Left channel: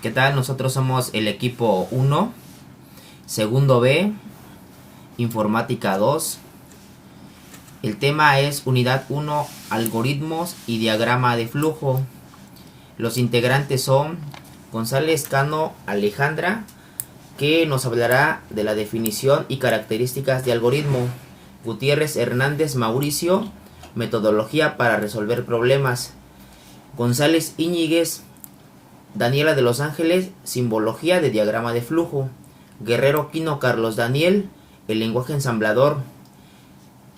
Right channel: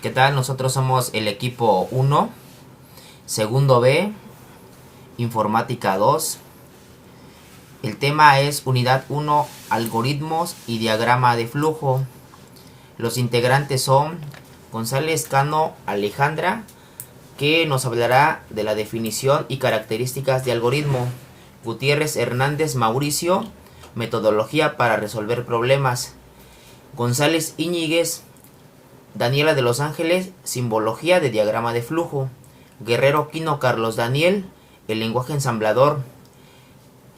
¿Qué tal? Nosotros somos el equipo 1, segundo B, informática 2. El tema es unidad 1, algoritmos y diagrama de flujo. Los integrantes son González Cano Alejandra, que nos hablará de la definición y características de algoritmo. Gutiérrez Hernández Mauricio, metodología para resolver problemas. González Íñiguez Daniela de Los Ángeles, simbología de diagrama de flujo. Guerrero Quino Carlos Daniel, el lenguaje ensamblador.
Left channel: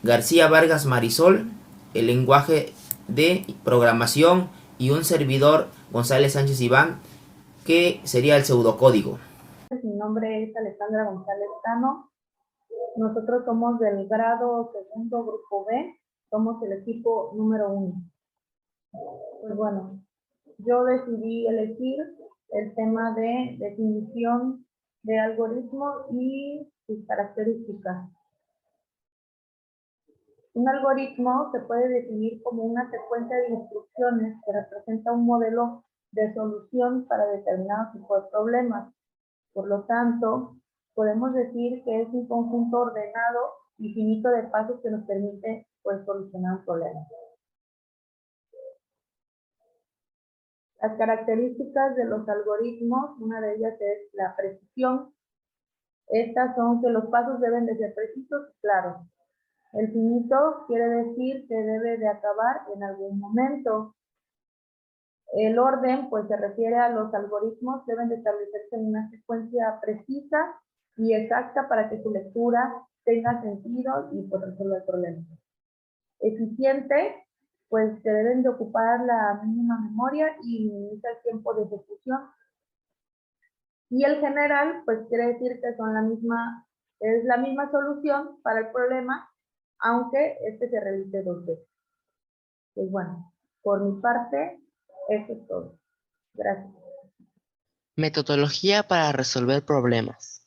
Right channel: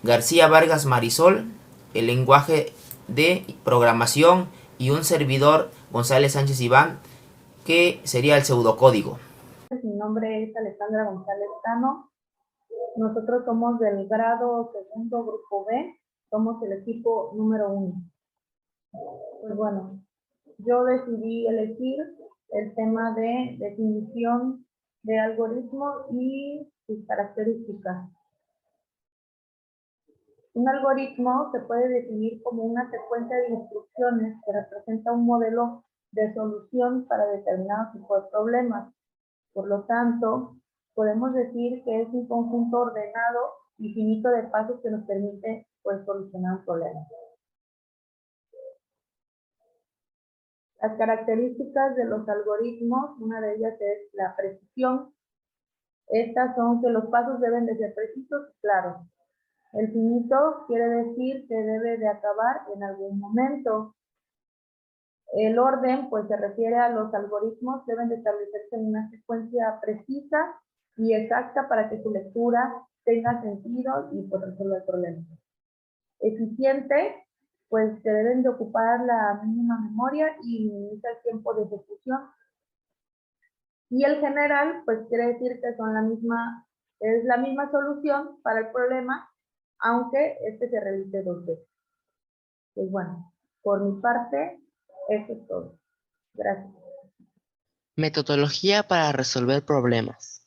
García Vargas Marisol, el lenguaje de programación. Y un servidor, González Sánchez Iván, que sería el pseudocódigo. Mi nombre es Alejandra González Cano. Nosotros somos del grado segundo grupo B, somos el equipo número 1. Pues bueno, yo decidí elegir el tema de definición de algoritmo y sus características. Un algoritmo se puede definir como una secuencia de instrucciones que representa un modelo de solución para determinado tipo de problemas. Por lo tanto, podemos decir que es un conjunto ordenado y finito de pasos que nos permite solucionar un problema. Las características de los algoritmos, una de ellas es la precisión. Estas son que los pasos deben de ser precisos y claros. El finito quiere decir que debe de acabar en algún momento. El orden, pues se refiere a los algoritmos, deben de establecerse en una secuencia precisa y exacta para que su lectura tenga sentido y pues resuelva el problema. Eficiente, pues se deben de ocupar la mínima memoria y minimiza el tiempo de ejecución. Y el general, pues quiere decir que es la misma solución para el problema, aunque este se realice dos veces. Pues bueno, por mi parte, eso es todo. Gracias. Metodología para resolver problemas.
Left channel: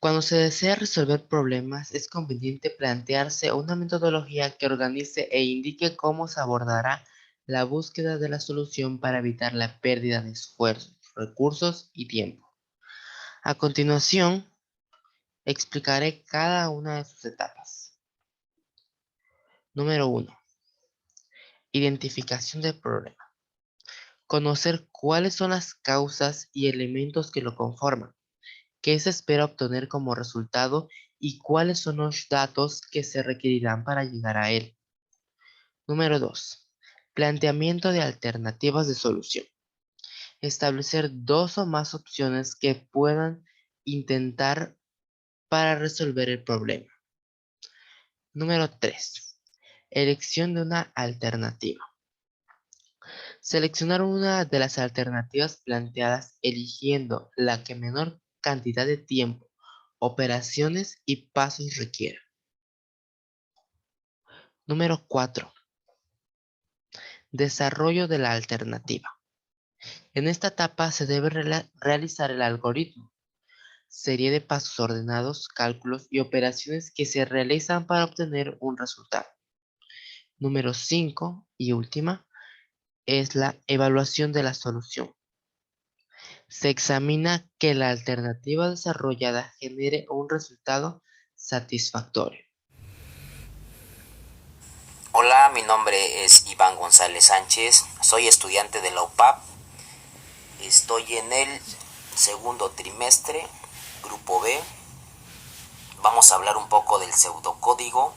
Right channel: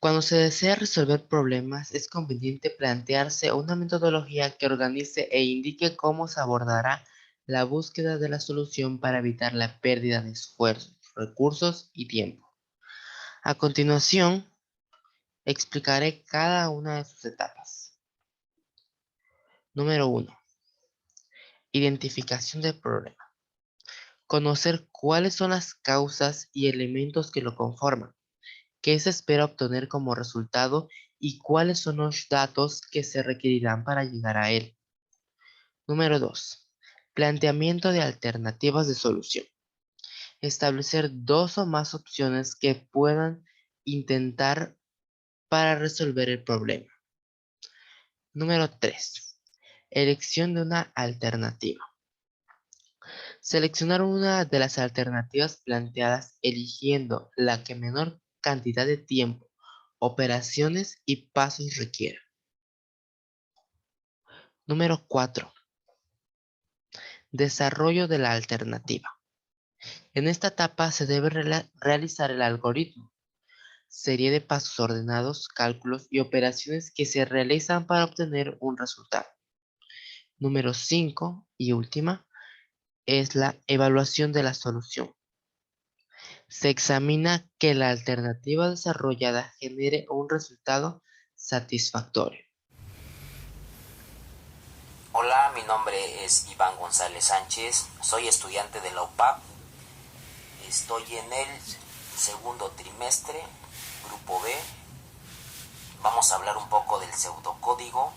Cuando se desea resolver problemas, es conveniente plantearse una metodología que organice e indique cómo se abordará la búsqueda de la solución para evitar la pérdida de esfuerzos, recursos y tiempo. A continuación, explicaré cada una de sus etapas. Número 1. Identificación del problema. Conocer cuáles son las causas y elementos que lo conforman, qué se espera obtener como resultado y cuáles son los datos que se requerirán para llegar a él. Número 2. Planteamiento de alternativas de solución. Establecer dos o más opciones que puedan intentar para resolver el problema. Número 3. Elección de una alternativa. Seleccionar una de las alternativas planteadas eligiendo la que menor cantidad de tiempo, operaciones y pasos requiera. Número 4. Desarrollo de la alternativa. En esta etapa se debe realizar el algoritmo, serie de pasos ordenados, cálculos y operaciones que se realizan para obtener un resultado. Número 5 y última es la evaluación de la solución. Se examina que la alternativa desarrollada genere un resultado satisfactorio. Hola, mi nombre es Iván González Sánchez, soy estudiante de la UPAP, estoy en el segundo trimestre, grupo B. Vamos a hablar un poco del pseudocódigo.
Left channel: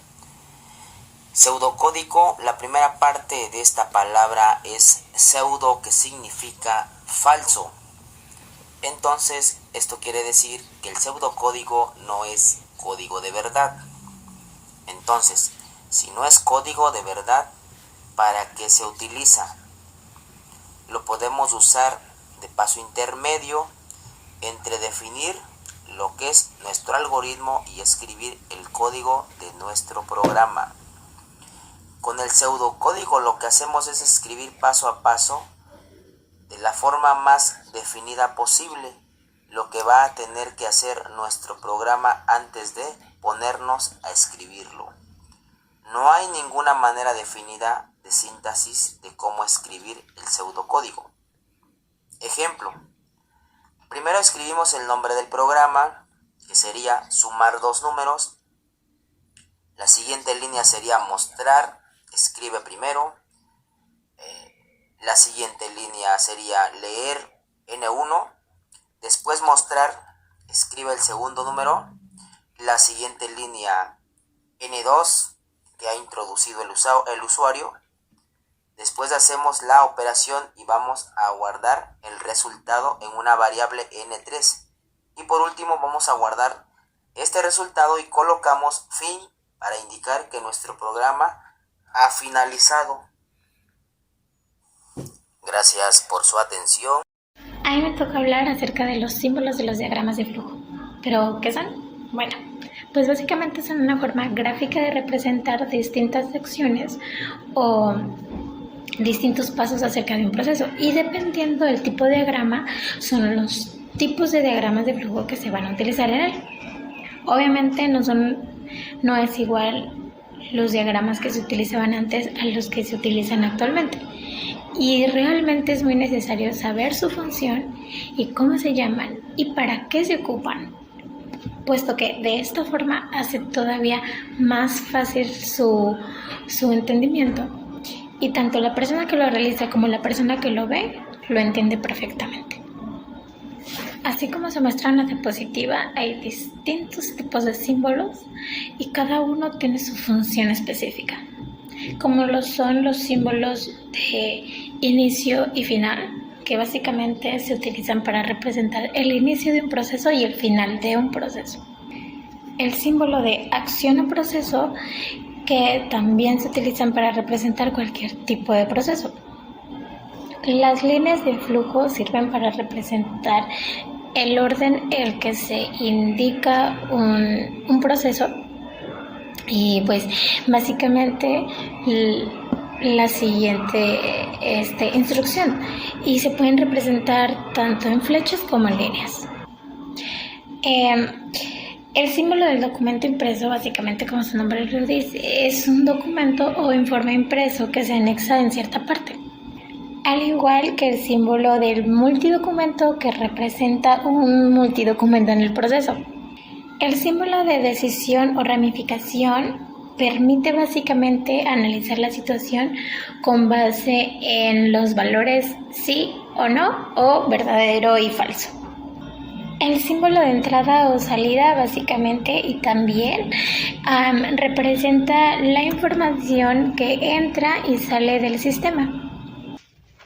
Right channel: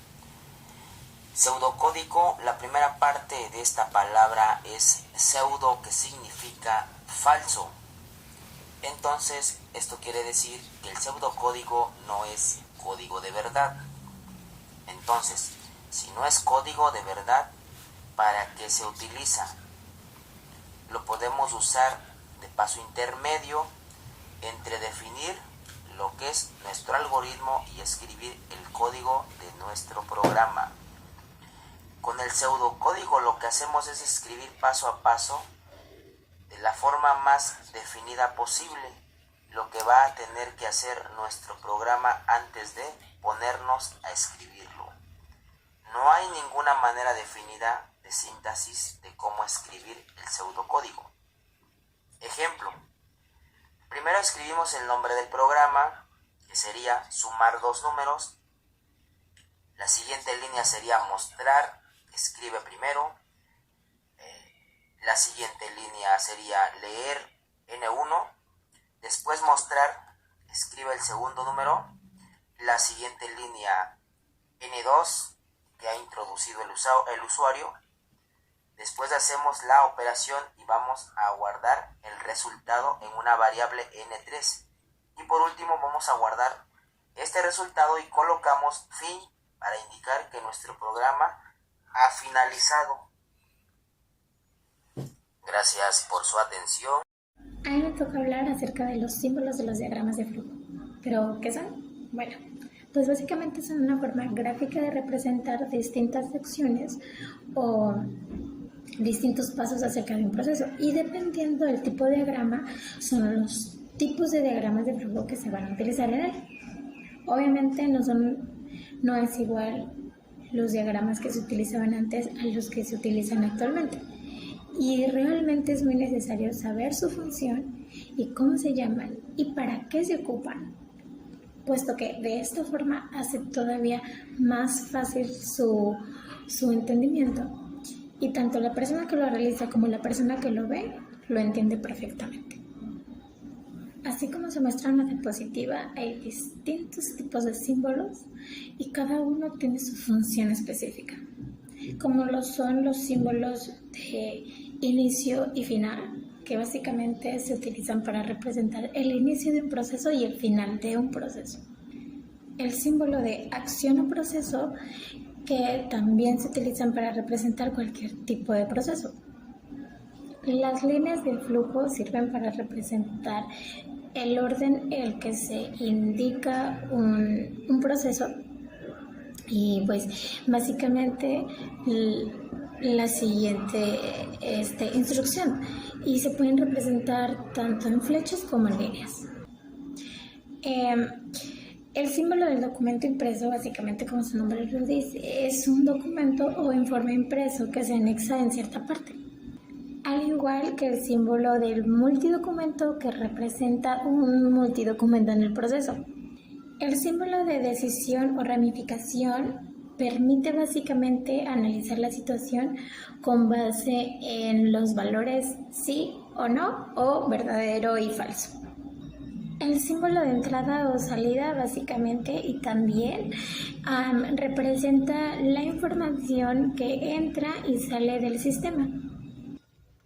Pseudocódigo, la primera parte de esta palabra es pseudo, que significa falso. Entonces, esto quiere decir que el pseudocódigo no es código de verdad. Entonces, si no es código de verdad, ¿para qué se utiliza? Lo podemos usar de paso intermedio entre definir lo que es nuestro algoritmo y escribir el código de nuestro programa. Con el pseudocódigo lo que hacemos es escribir paso a paso de la forma más definida posible lo que va a tener que hacer nuestro programa antes de ponernos a escribirlo. No hay ninguna manera definida de síntesis de cómo escribir el pseudocódigo. Ejemplo. Primero escribimos el nombre del programa, que sería sumar dos números. La siguiente línea sería mostrar, escribe primero. La siguiente línea sería leer N1. Después mostrar, escribe el segundo número. La siguiente línea N2 que ha introducido el usuario. Después hacemos la operación y vamos a guardar el resultado en una variable N3. Y por último vamos a guardar este resultado y colocamos fin para indicar que nuestro programa ha finalizado. Gracias por su atención. A mí me toca hablar acerca de los símbolos de los diagramas de flujo. ¿Pero qué son? Bueno, pues básicamente son una forma gráfica de representar distintas secciones o distintos pasos acerca de un proceso, y dependiendo del tipo de diagrama son los tipos de diagramas de flujo que se van a utilizar en él. Obviamente no es igual los diagramas que se utilizaban antes a los que se utilizan actualmente, y realmente es muy necesario saber su función y cómo se llaman y para qué se ocupan, puesto que de esta forma hace todavía más fácil su entendimiento, y tanto la persona que lo realiza como la persona que lo ve lo entiende perfectamente. Así como se muestra en la diapositiva, hay distintos tipos de símbolos y cada uno tiene su función específica, como lo son los símbolos de inicio y final, que básicamente se utilizan para representar el inicio de un proceso y el final de un proceso. El símbolo de acción o proceso, que también se utilizan para representar cualquier tipo de proceso. Las líneas de flujo sirven para representar el orden en el que se indica un proceso, y pues básicamente la siguiente instrucción, y se pueden representar tanto en flechas como en líneas. El símbolo del documento impreso, básicamente como su nombre lo dice, es un documento o informe impreso que se anexa en cierta parte, al igual que el símbolo del multidocumento, que representa un multidocumento en el proceso. El símbolo de decisión o ramificación permite básicamente analizar la situación con base en los valores sí o no, o verdadero y falso. El símbolo de entrada o salida básicamente y también representa la información que entra y sale del sistema.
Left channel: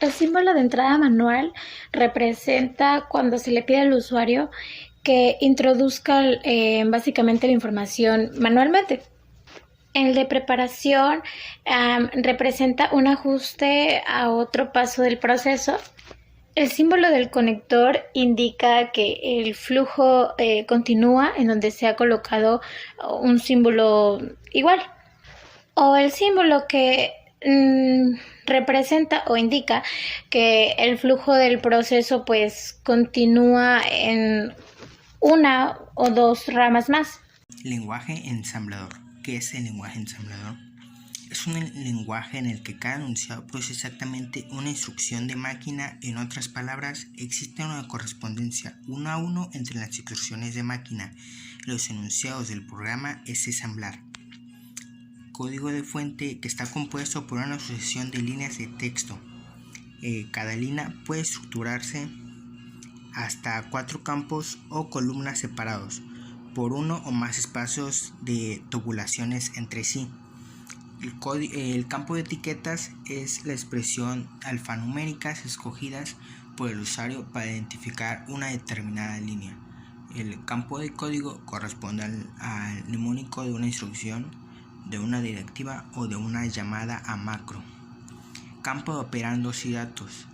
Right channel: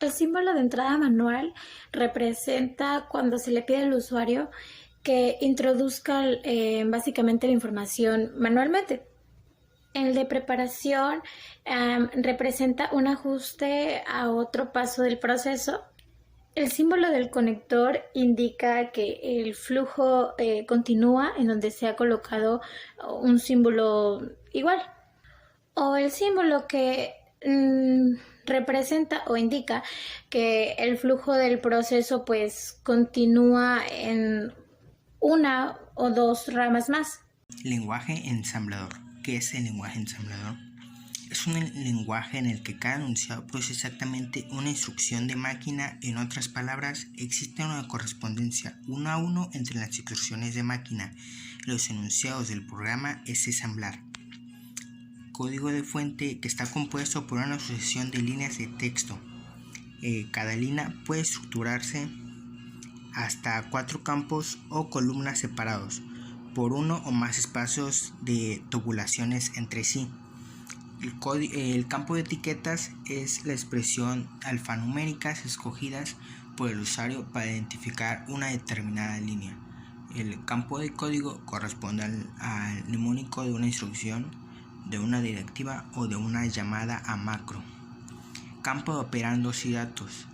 El símbolo de entrada manual representa cuando se le pide al usuario que introduzca básicamente la información manualmente. El de preparación representa un ajuste a otro paso del proceso. El símbolo del conector indica que el flujo continúa en donde se ha colocado un símbolo igual. O el símbolo que representa o indica que el flujo del proceso pues continúa en una o dos ramas más. Lenguaje ensamblador. ¿Qué es el lenguaje ensamblador? Es un lenguaje en el que cada enunciado produce exactamente una instrucción de máquina. En otras palabras, existe una correspondencia 1 a 1 entre las instrucciones de máquina y los enunciados del programa. Es ensamblar. Código de fuente que está compuesto por una sucesión de líneas de texto. Cada línea puede estructurarse hasta 4 campos o columnas separados por uno o más espacios de tubulaciones entre sí. El campo de etiquetas es la expresión alfanuméricas escogidas por el usuario para identificar una determinada línea. El campo de código corresponde al mnemónico de una instrucción, de una directiva o de una llamada a macro. Campo de operandos y datos.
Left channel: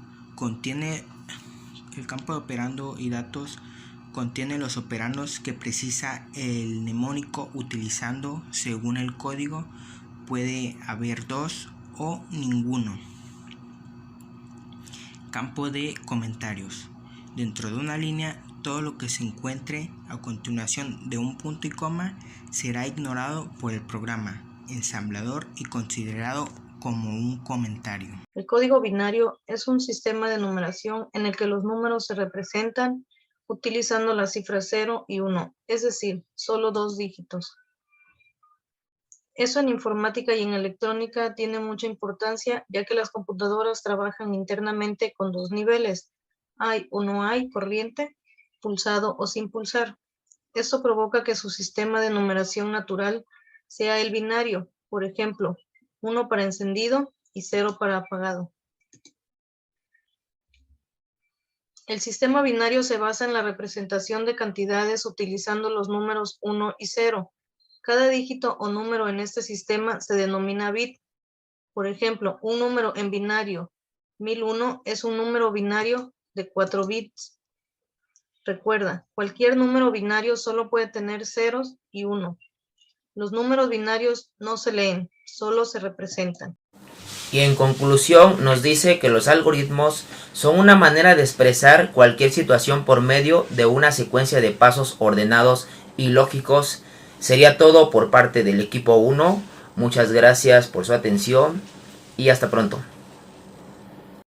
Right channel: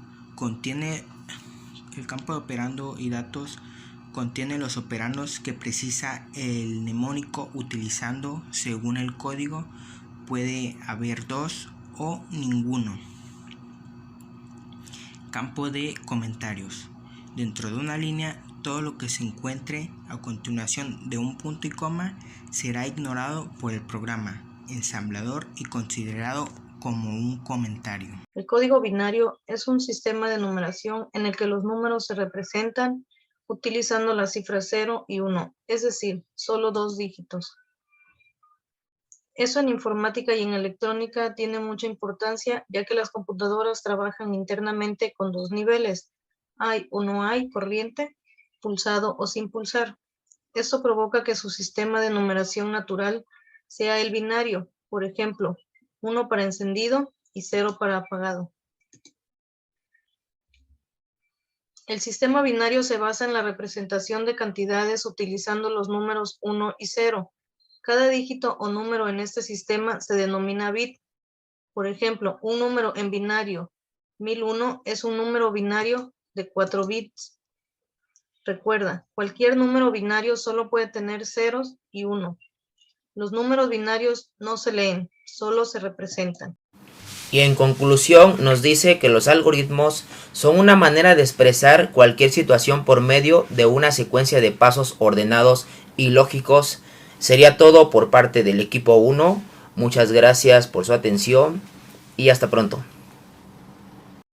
El campo de operando y datos contiene los operandos que precisa el mnemónico utilizando. Según el código, puede haber 2 o ninguno. Campo de comentarios. Dentro de una línea, todo lo que se encuentre a continuación de un punto y coma será ignorado por el programa. ensamblador y considerado como un comentario. El código binario es un sistema de numeración en el que los números se representan utilizando las cifras 0 y 1, es decir, solo 2 dígitos. Eso en informática y en electrónica tiene mucha importancia, ya que las computadoras trabajan internamente con 2 niveles, hay o no hay corriente, pulsado o sin pulsar. Esto provoca que su sistema de numeración natural sea el binario, por ejemplo, 1 para encendido y 0 para apagado. El sistema binario se basa en la representación de cantidades utilizando los números 1 y 0. Cada dígito o número en este sistema se denomina bit. Por ejemplo, un número en binario 1001 es un número binario de 4 bits. Recuerda, cualquier número binario solo puede tener ceros y 1. Los números binarios no se leen, solo se representan. Y en conclusión nos dice que los algoritmos son una manera de expresar cualquier situación por medio de una secuencia de pasos ordenados y lógicos. Sería todo por parte del equipo 1. Muchas gracias por su atención y hasta pronto.